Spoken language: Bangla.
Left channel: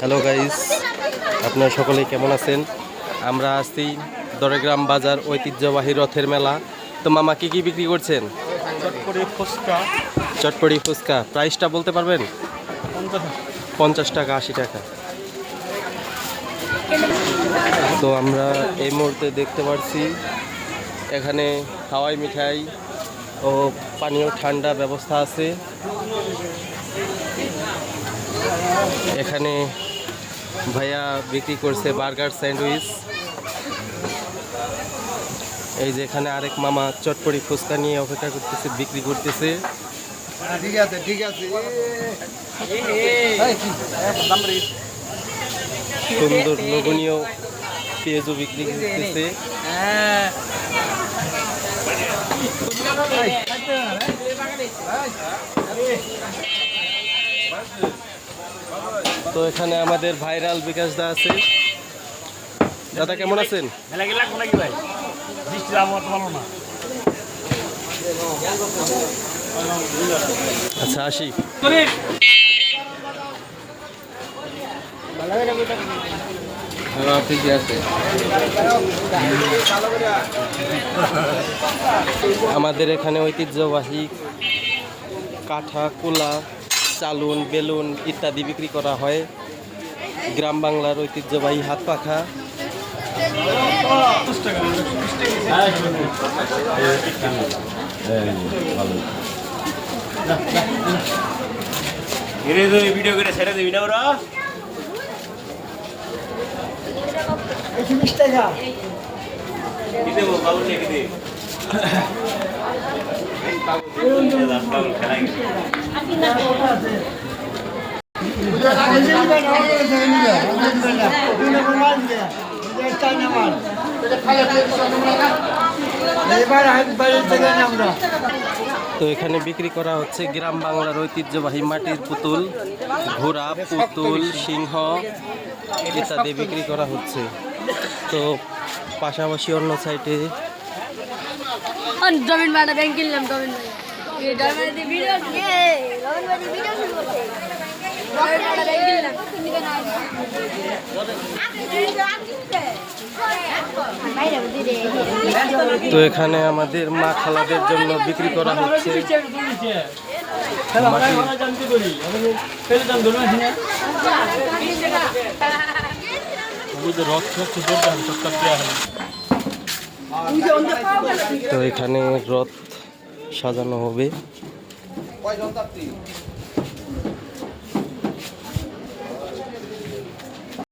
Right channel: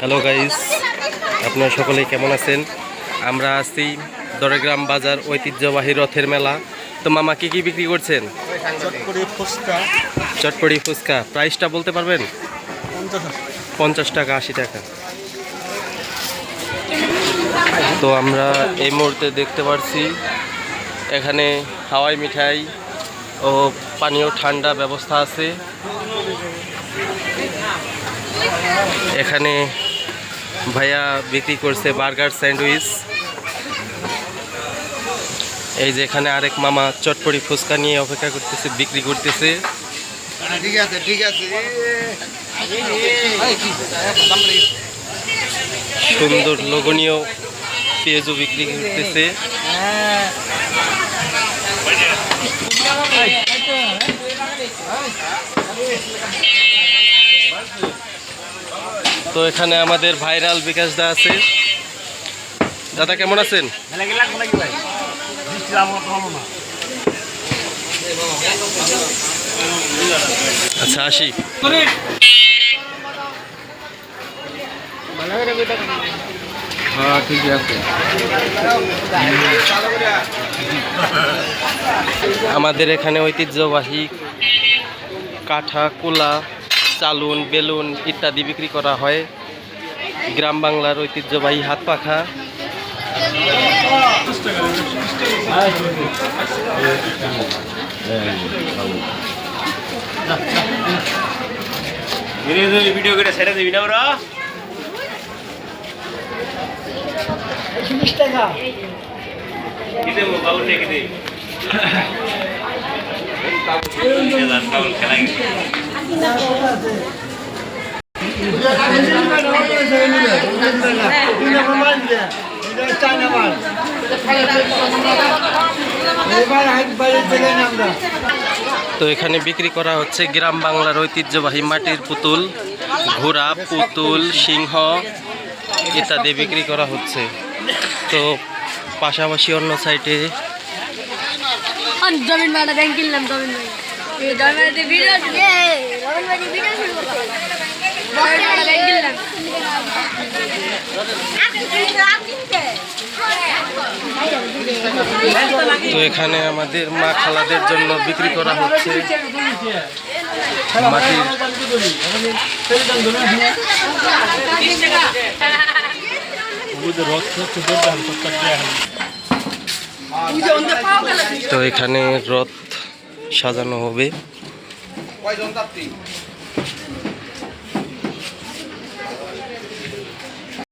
হ্যালো গাইস, আপনারা সকলেই কেমন আছেন? আমরা আছি দরেগ্রাম বাজার ঐতিহ্যবাহী রথের মেলা। তো মামা কি কি বিক্রি করছেন? চটপটি ফুচকা প্রাইসটা বলতে পারবেন? 50 টাকা, 80 টাকা। তো আমরা এই মুহূর্তে দেখতে পাচ্ছি এখানে হাওয়াই মিঠাই ও পানীয় ঠান্ডা ব্যবস্থা আছে। এখানে ভাইয়া বিক্রি করছে বার্গার, স্যান্ডউইচ। এই যে এখানে আরেক মামা চটপটি ফুচকা নিয়ে অপেক্ষা করতেছে, বিক্রি করতেছে। সুন্দর লোভনীয় পেঁয়াজও বিক্রি করতেছে। তো এখানে আমাদের ভাইরাল বিকাশ দা আছে। দাদা কেমন আছেন? আচ্ছা, আসি। আমাদের এখানে ঐতিহ্যবাহী কাঠা, কুলা, চালুন, বেলুন ইত্যাদি বিক্রি করা হয়। গ্রাম বাংলার ঐতিহ্যবাহী হাত পাখা। ভিডিও করে ছেড়ে দিবি না ওরা। 20 টাকা কি দেবো বাবু, কি দেব? তো এখানে বিক্রি করা হচ্ছে গ্রাম বাংলার ঐতিহ্যবাহী মাটির পুতুল, ঘোড়া, পুতুল, সিংহ ইত্যাদি বিক্রি করা হচ্ছে। তো পাশাপাশি অন্য সাইটে তো এখানে আমাদের মা খালাদের জন্য বিক্রি করা হচ্ছে মাটির। তো এখানে রথ সাজানো হবে।